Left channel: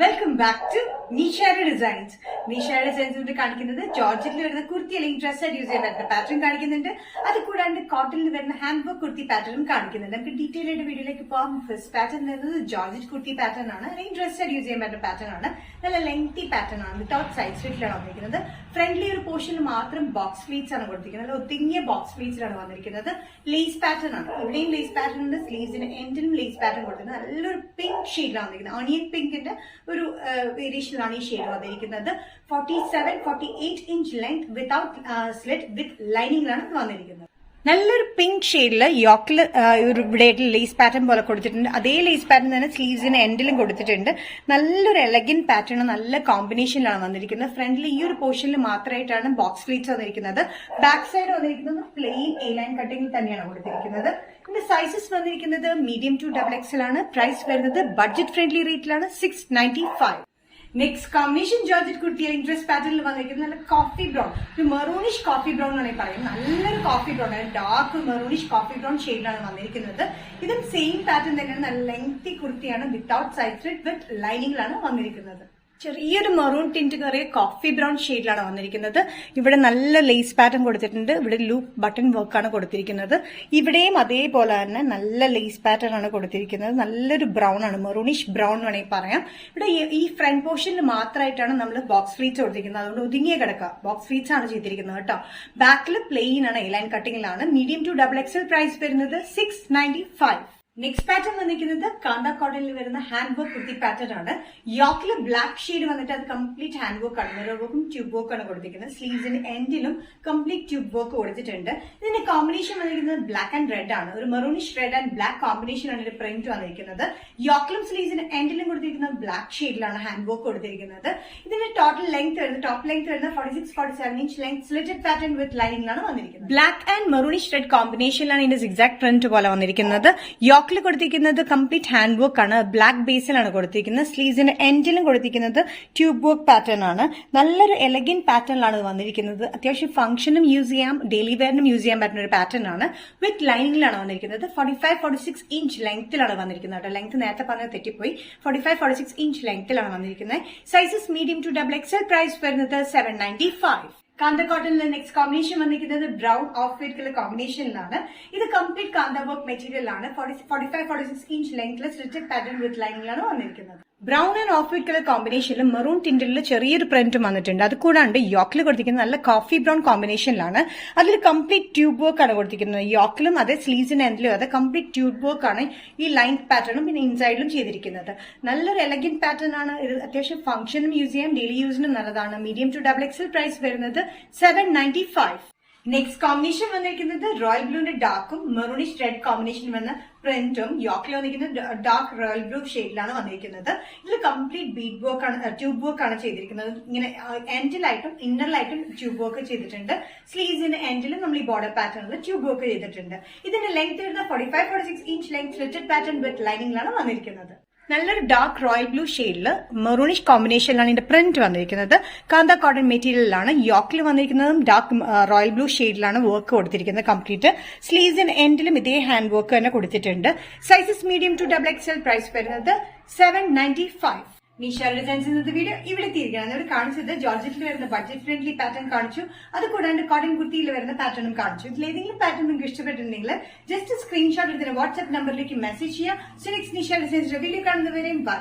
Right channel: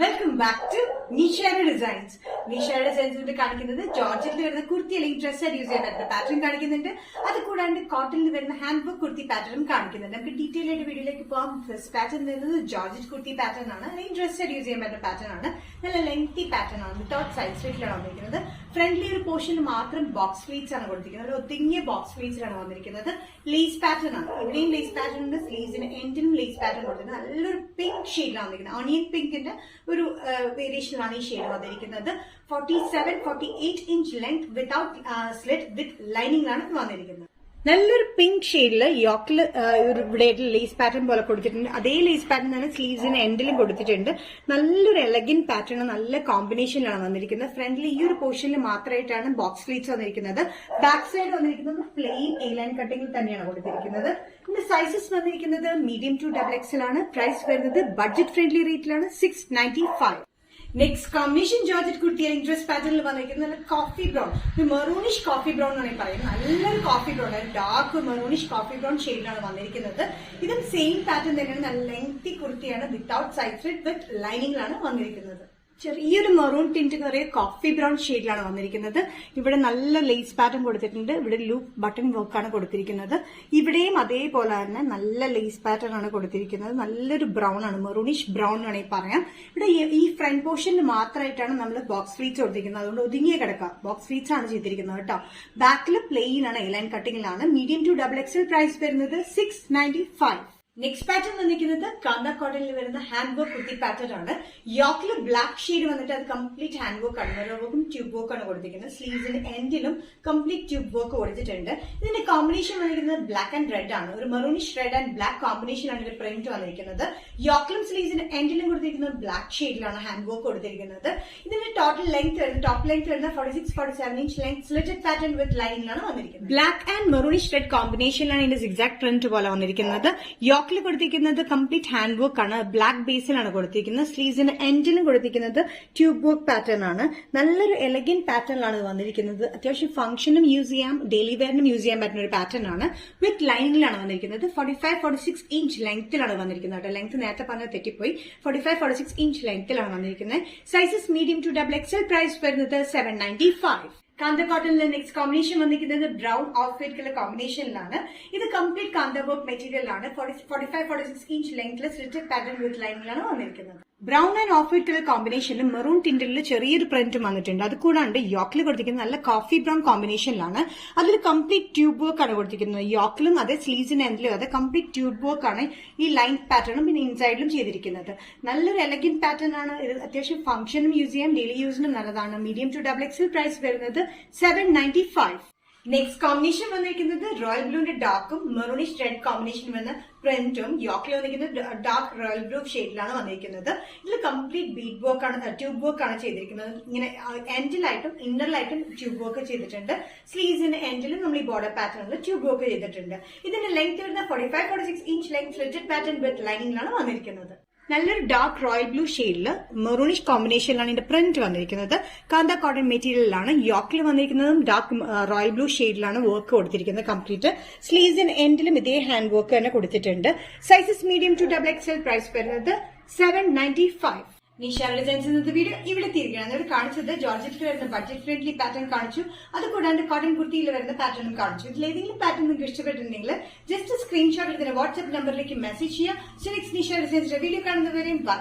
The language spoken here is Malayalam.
വെൽക്കം ബാക്ക് ടു നിഷയുടെ ഡിസൈൻസ്. നിഷയുടെ ഡിസൈൻസ് കാണിക്കുന്നത് ജോർജറ്റിൽ വരുന്ന കുർത്തി അല്ലെങ്കിൽ ഡ്രസ് ആയിട്ട് യൂസ് ചെയ്യാൻ പറ്റുന്ന പാറ്റേൺ കാണിക്കുന്നുണ്ട്. അത് കൂടാണ്ട് കോട്ടണിൽ വരുന്ന ഹാൻഡ് വർക്ക് കുർത്തി പാറ്റേൺ കാണിക്കുന്നുണ്ട്. നമുക്ക് ഡീറ്റെയിൽ ആയിട്ട് വീഡിയോയിലേക്ക് പോകാം. ഫസ്റ്റ് പാറ്റേൺ വരുന്നത് ജോർജറ്റ് കുർത്തി പാറ്റേൺ ആണ്, അല്ലെങ്കിൽ ഡ്രസ് ആയിട്ട് യൂസ് ചെയ്യാൻ പറ്റുന്ന പാറ്റേൺ ആണ്. നല്ല ലെങ്തി പാറ്റേൺ ആണ്, വിത്തൗട്ട് സൈഡ് സ്ലിറ്റിലാണ് വന്നിരിക്കുന്നത്. ഫ്രണ്ട്ലി ഒരു പോർഷനിൽ മാത്രം ബോക്സ് ഫ്ലീറ്റ്സ് ആണ് കൊടുത്തിരിക്കുന്നത്. നല്ല ഒതുങ്ങിയ ബോക്സ് ഫ്ലീറ്റ്സിലാണ് വന്നിരിക്കുന്നത്. ലേസ് പാറ്റേൺ ആണ്, ഇവിടെയും ലേസ് പാറ്റേൺ ഉണ്ട്. സ്ലീവ്സിന് എൻഡിലും ലേസ് പാറ്റേൺ കൊടുത്തിരിക്കുന്നത്. നല്ലൊരു പിങ്ക് ഷെയ്ഡിലാണ് വന്നിരിക്കുന്നത്. ഓണിയൻ പിങ്കിന്റെ ഒരു വേരിയേഷനിലാണ് ഈ ഷെയ്ഡ് വന്നിരിക്കുന്നത്. 47-48 inch length without slit with ലൈനിങ്ങിലാണ് വന്നിരിക്കുന്നത്. നല്ലൊരു പിങ്ക് ഷെയ്ഡില് യോക്കിൽ ഇവിടെ ലേസ് പാറ്റേൺ പോലെ കൊടുത്തിട്ടുണ്ട്. അതേ ലേസ് പാറ്റേൺ തന്നെ സ്ലീവ്സിന് എൻഡിലും കൊടുത്തിട്ടുണ്ട്. നല്ലൊരു എലഗൻ പാറ്റേൺ, നല്ല കോമ്പിനേഷനിലാണ് വന്നിരിക്കുന്നത്. ഫ്രണ്ടിൽ ഈ ഒരു പോർഷനിൽ മാത്രമായിട്ടാണ് ബോക്സ് ഫ്ലീറ്റ്സ് വന്നിരിക്കുന്നത്. ബാക്ക് സൈഡ് വന്നിരിക്കുന്നത് പ്ലെയിൻ എ ലൈൻ കട്ടിംഗിൽ തന്നെയാണ് കൊടുത്തിരിക്കുന്നത്. ഇതിന്റെ സൈസസ് വന്നിരിക്കുന്നത് മീഡിയം ടു XXL ആണ്. പ്രൈസ് വരുന്നത് ബഡ്ജറ്റ് ഫ്രണ്ട്ലി റേറ്റിലാണ്, 695. നെക്സ്റ്റ് കോമ്പിനേഷൻ ജോർജറ്റ് കുർത്തി അല്ലെങ്കിൽ ഡ്രസ് പാറ്റേണിൽ വന്നിരിക്കുന്നത് നല്ല കോഫി ബ്രൗൺ, ഒരു മെറൂണിഷ് കോഫി ബ്രൗൺ എന്നാണ് പറയുന്നത്. നല്ലൊരു കോഫി ബ്രൗൺ ആണ്, ഡാർക്ക് മെറൂണിഷ് കോഫി ബ്രൗൺ ഷെയ്ഡിലാണ് വന്നിരിക്കുന്നത്. ഇതും സെയിം പാറ്റേൺ തന്നെയാണ്. നല്ല ലെങ്തി കുർത്തിയാണ്, വിത്തൗട്ട് സൈഡ് സ്ലിറ്റ് വിത്ത് ലൈനിങ്ങിലാണ് വന്നിരിക്കുന്നത്. ചെറിയൊരു മെറൂൺ ടിന്റ് കയറിയ കോഫി ബ്രൗൺ ഷെയ്ഡിലാണ് വന്നിരിക്കുന്നത്. ഇവിടെ നല്ല ലേസ് പാറ്റേൺ കൊടുത്തിട്ടുണ്ട്. ഇവിടെ ലൂപ്പ് ബട്ടൺ വർക്കാണ് കൊടുത്തിരിക്കുന്നത്. ഇവിടെയും അതേപോലെ തന്നെ നല്ല ലേസ് പാറ്റേൺ ആണ് കൊടുത്തിരിക്കുന്നത്. നല്ലൊരു ബ്രൗൺ ആണ്, മെറൂണിഷ് ബ്രൗൺ വേണമെങ്കിൽ പറയാം. ഇവിടെ ഈ ഫ്രണ്ട് പോർഷനിൽ മാത്രമായിട്ടാണ് നമ്മൾ ബോക്സ് ഫ്ലീറ്റ്സ് കൊടുത്തിരിക്കുന്നത്. അതുകൊണ്ട് ഒതുങ്ങിയ കിടക്കുക ബോക്സ് ഫ്ലീറ്റ്സ് ആണ് ചെയ്തിരിക്കുന്നത് കേട്ടോ. ബാക്കിൽ പ്ലെയിൻ ആണ്, എ ലൈൻ കട്ടിങ്ങിലാണ്. Medium to XXL. പ്രൈസ് വരുന്നത് 695. നെക്സ്റ്റ് പാറ്റേൺ വന്നിരിക്കുന്നത് കാന്ത കോട്ടണിൽ വരുന്ന ഹാൻഡ് വർക്ക് കുർത്തി പാറ്റേൺ ആണ്. യോക്കില് ബ്ലാക്ക് ഷെയ്ഡ് വന്നിട്ട് അത് കംപ്ലീറ്റ് ഹാൻഡ് വർക്ക് ആണ്, മിറർ വർക്കും ട്യൂബ് വർക്ക് ആണ് കൊടുത്തിരിക്കുന്നത്. സ്ലീവ്സിന് എൻഡിലും കംപ്ലീറ്റ് ട്യൂബ് വർക്ക് കൊടുത്തിട്ടുണ്ട്. ഇതിന്റെ കോമ്പിനേഷൻ വന്നിരിക്കുന്നത് ബ്ലാക്ക് ആൻഡ് റെഡ് ആണ്. ഒരു maroonish red and black combination ആണ് ഇതിന്റെ പ്രിന്റ് വന്നിരിക്കുന്നത്. യോക്കിലും സ്ലീവ്സിന് എൻഡിലും കൊടുത്തിരിക്കുന്നത് ബ്ലാക്ക് ഷെയ്ഡിലാണ് ഹാൻഡ് വർക്ക് കൊടുത്തിരിക്കുന്നത്. ഇതിന്റെ ടോട്ടൽ ലെങ്ത് വരുന്നത് ടോപ്പ് ലെങ്ത് വരുന്നത് 46-47 inch length slitted pattern with ലൈനിങ്ങിലാണ് വന്നിരിക്കുന്നത്. ബ്ലാക്ക് ആൻഡ് മെറൂണിഷ് റെഡ് കോമ്പിനേഷനിലാണ് ഇതിന്റെ സിഗ്സാക്ട് പ്രിന്റ് പോലെ വന്നിരിക്കുന്നത്. യോക്കിൽ കൊടുത്തിരിക്കുന്നത് കംപ്ലീറ്റ് ഹാൻഡ് വർക്ക് ആണ്, ബ്ലാക്ക് ബേസിലാണ് കൊടുത്തിരിക്കുന്നത്. സ്ലീവ്സിന് എൻഡിലും കൊടുത്തിരിക്കുന്നത് ട്യൂബ് വർക്ക് പാറ്റേൺ ആണ്. നല്ലൊരു എലഗൻ പാറ്റേണിലാണ് വന്നിരിക്കുന്നത്. അത്യാവശ്യം ഫംഗ്ഷനും യൂസ് ചെയ്യാം, ഡെയിലി വെയറിനും യൂസ് ചെയ്യാൻ പറ്റുന്ന ഒരു പാറ്റേൺ ആണ്. വിത്ത് ലൈനിങ്ങിലാണ് വന്നിരിക്കുന്നത്. 45-46 ഇഞ്ച് ലെങ്ത്തിലാണ് വന്നിരിക്കുന്നത്. ലെങ്ത് നേരത്തെ പറഞ്ഞത് തെറ്റിപ്പോയി. 45-46 ഇഞ്ച് ലെങ്ത്തിലാണ് വന്നിരിക്കുന്നത്. Sizes medium to XXL. Price വരുന്നത് 795. കാന്ത കോട്ടണിലെ നെക്സ്റ്റ് കോമ്പിനേഷൻ വന്നിരിക്കുന്നത് ബ്രൗൺ ഓഫ് വൈറ്റ് കളർ കോമ്പിനേഷനിലാണ്. ഇത് കംപ്ലീറ്റ് കാന്ത വർക്ക് മെറ്റീരിയൽ ആണ്. 45-46 ഇഞ്ച് ലെങ്ത്തിൽ സ്ലിറ്റഡ് പാറ്റേൺ വിത്ത് ലൈനിങ്ങിലാണ് വന്നിരിക്കുന്നത്. Brown and off white colour കോമ്പിനേഷനിൽ മെറൂൺ ടിന്റിൽ ചെറിയൊരു പ്രിന്റും വന്നിട്ടുണ്ട്. അത് കൂടാണ്ട് യോക്കിൽ കൊടുത്തിരിക്കുന്നത് നല്ല കോഫി ബ്രൗൺ കോമ്പിനേഷനിലാണ്. അതിൽ കംപ്ലീറ്റ് ട്യൂബ് വർക്ക് ആണ് കൊടുത്തിരിക്കുന്നത്. യോക്കിലും അതെ സ്ലീവ്സിന് എൻഡിലും അതെ കംപ്ലീറ്റ് ട്യൂബ് വർക്ക് ആണ് ഈ ലൈൻ പാറ്റേണും പിന്നെ ഇൻസൈഡിലും ചെയ്തിരിക്കുന്നത്. നല്ലൊരു എലഗന്റ് പാറ്റേൺ ആണ്. അത്യാവശ്യം ഫംഗ്ഷനും യൂസ് ചെയ്യാം, ഡെയിലി യൂസിനും നല്ലതാണ്. Medium to XXL. പ്രൈസ് വരുന്നത് 795. നെക്സ്റ്റ് കോമ്പിനേഷൻ വന്നിരിക്കുന്നത് റോയൽ ബ്ലൂന്റെ ഡാർക്കും മെറൂണിഷ് റെഡ് കോമ്പിനേഷൻ വന്ന പ്രിന്റും. യോക്കിൽ വന്നിരിക്കുന്നത് ഡാർക്ക് റോയൽ ബ്ലൂ ഷെയ്ഡിലാണ് വന്നിരിക്കുന്നത്. ഇതിൽ കംപ്ലീറ്റ് ബീഡ് വർക്ക് ആണ്, ട്യൂബ് വർക്ക് ആണ് ചെയ്തിരിക്കുന്നത്. ഇങ്ങനെ എൻഡിലായിട്ടും ഇന്നറിലായിട്ടും ട്യൂബ് വർക്ക് ചെയ്തിട്ടുണ്ട്. സ്ലീവ്സിന്റെ എൻഡിലും നമ്മൾ ഈ ബോർഡർ പാറ്റേണിൽ ട്യൂബ് വർക്ക് ചെയ്തിട്ടുണ്ട്. ഇതിന്റെ ലെങ്ത് വരുന്ന 45-46 inch length slitted pattern with ലൈനിങ്ങിലാണ് വന്നിരിക്കുന്നത്. നല്ലൊരു ഡാർക്ക് റോയൽ ബ്ലൂ ഷെയ്ഡില് മെറൂണിഷ് കോമ്പിനേഷനിലാണ് ഇതിന്റെ പ്രിന്റ് വന്നിരിക്കുന്നത്. കാന്ത കോട്ടൺ മെറ്റീരിയലിലാണ്. യോക്കിൽ വന്നിരിക്കുന്നതും ഡാർക്ക് റോയൽ ബ്ലൂ ഷെയ്ഡിലാണ് വർക്ക് കൊടുത്തിരിക്കുന്നത് കംപ്ലീറ്റ്. സ്ലീവ്സിന് എൻഡിലും ഇതേ ഹാൻഡ് വർക്ക് തന്നെ കൊടുത്തിട്ടുണ്ട്. Sizes medium to XXL. Price വരുന്നത് 795. നിഷയുടെ ഡിസൈൻസ് ഇന്നത്തെ വീഡിയോ ഇവിടെ തീരുകയാണ്. ഇവർ കാണിച്ചത് ജോർജറ്റിൽ വരുന്ന ബഡ്ജറ്റ് ഫ്രണ്ട്ലി പാറ്റേൺ കാണിച്ചു. അത് കൂടാണ്ട് കോട്ടൺ കുർത്തിയിൽ വരുന്ന പാറ്റേണും കാണിച്ചു. ഇതിൽ ഏതെങ്കിലും പാറ്റേൺ നിങ്ങൾക്ക് ഇഷ്ടപ്പെട്ടിട്ടുണ്ടെങ്കിൽ ജസ്റ്റ് സ്ക്രീൻഷോട്ട് എടുത്ത് വാട്സ്ആപ്പ് നമ്പറിലേക്ക് മെസ്സേജ് ചെയ്യാം. സോ നെക്സ്റ്റ് നിഷ ഡിസൈൻസിന്റെ വീഡിയോ കാണുന്നവരെയും ബൈ.